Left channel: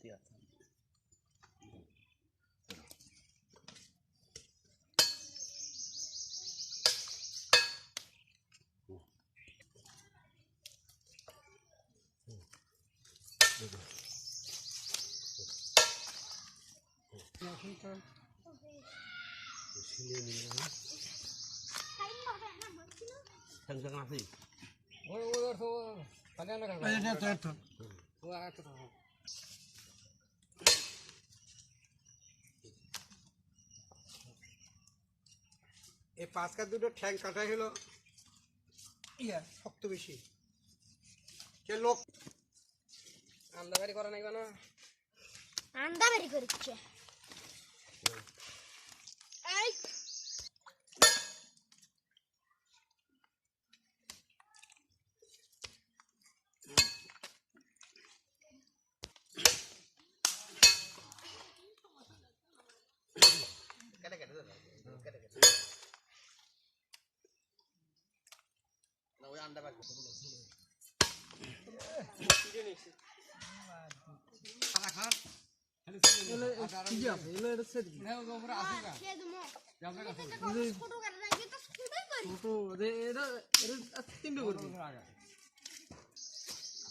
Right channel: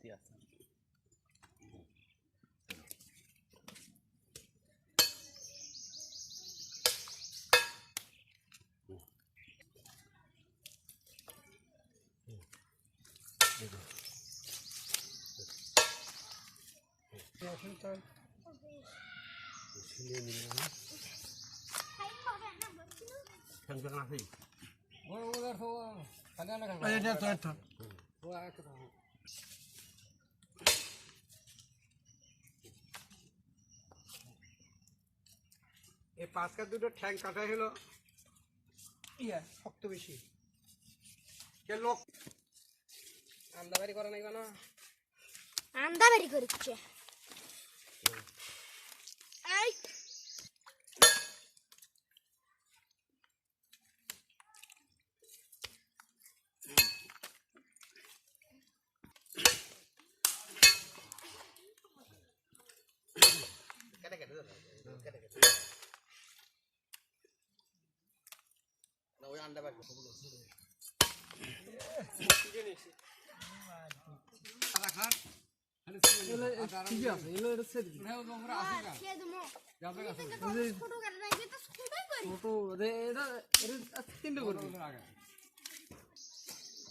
এতে আছে এই পাঁচকার দুটো ঠ্যাং কাটা হলো শক্ত বেশি কে লোক আন্দাবাড়ি করে নাই কেন আন্দাবাড়ি করছে এই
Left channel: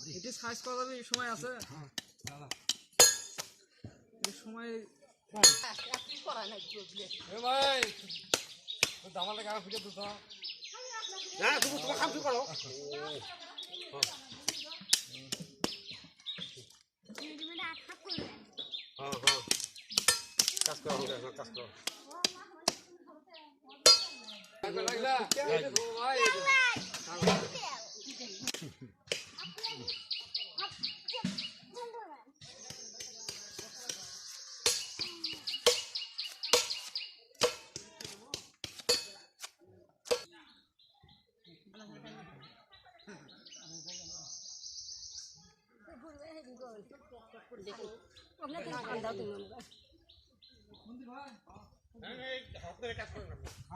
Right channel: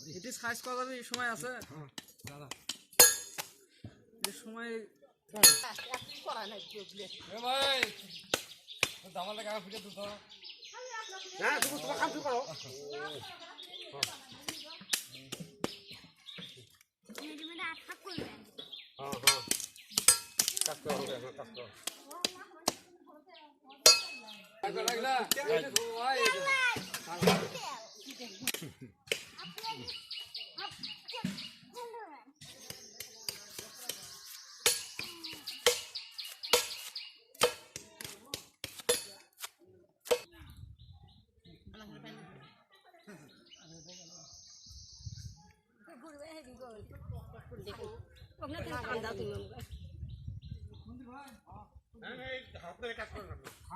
এটি সাইজ করার সময় আছে সময়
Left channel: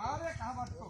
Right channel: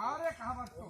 আরে কাহা মারতো